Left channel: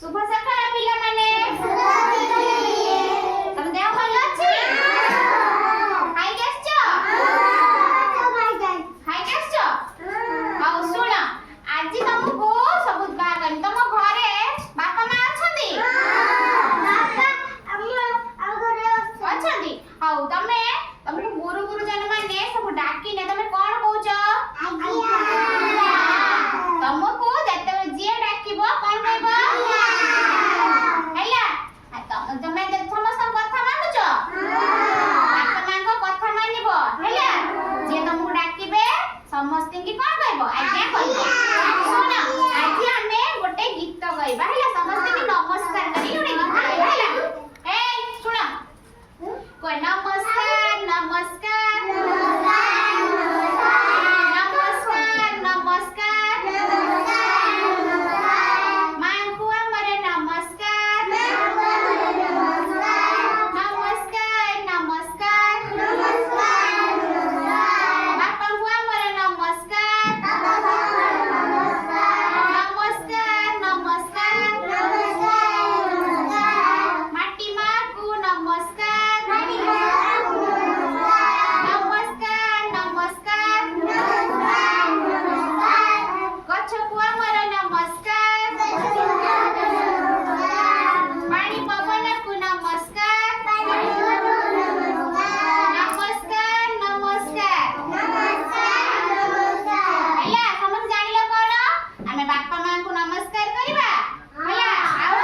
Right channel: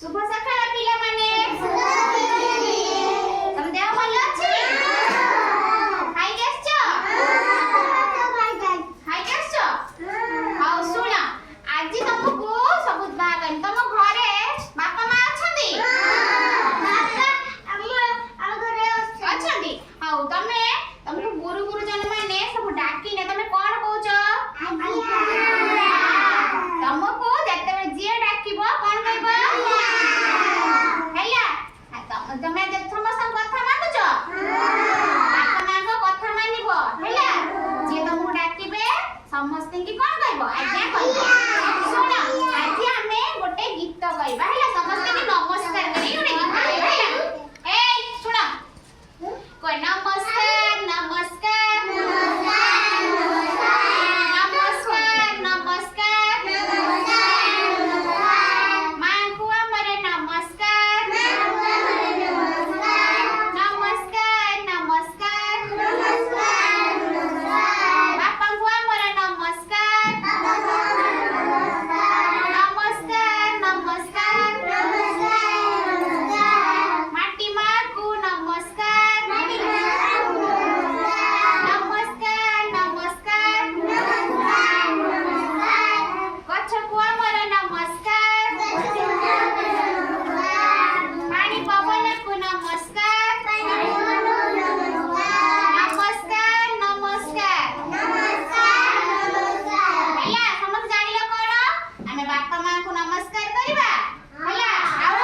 शुभ सकाळ पिला माने तम देह भल अछि हाय गेसछ हाय गेसछ आउ सुण आज तुमको सबुत बागन तुम घरे बापा मां अछंदी बापा हम घरे अछंदी आउ तमे तुमको गुरु गुरुजन माने सब डाकी ने तमे कोन कहउछ तुमको जते जे डाकीबो कोन कहबो हैला तमे समस्त कथा मानुछ बापा मां को कथा मानिबो हैला जे तुमको डाकीबे समस्त की कोन कहबो आज्ञा कहबो सुन आज हमें गोटे गीत गाइबा हैला समस्त की नमस्कार करी गोटे गीत गाइबा हैला ए सुन को नमस्कार नमस्कार नमस्कार नमस्कार मां को हमरे नमस्कार नमस्कार नमस्कार बापा को हमरे नमस्कार नमस्कार नमस्कार माटी मां को नमस्कार नमस्कार नमस्कार गछ को हमरे नमस्कार पानी पवन को नमस्कार नमस्कार नमस्कार हैला समस्त जानिले कोन हमें बापा मां को नमस्कार करिबा हैला आउ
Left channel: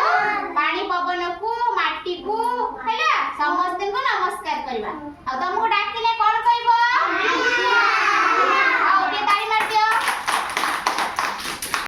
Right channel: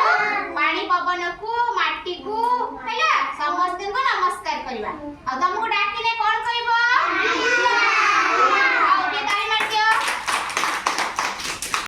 पानी पवन को माटी को हैला समस्त को नमस्कार करिबा आ तुमको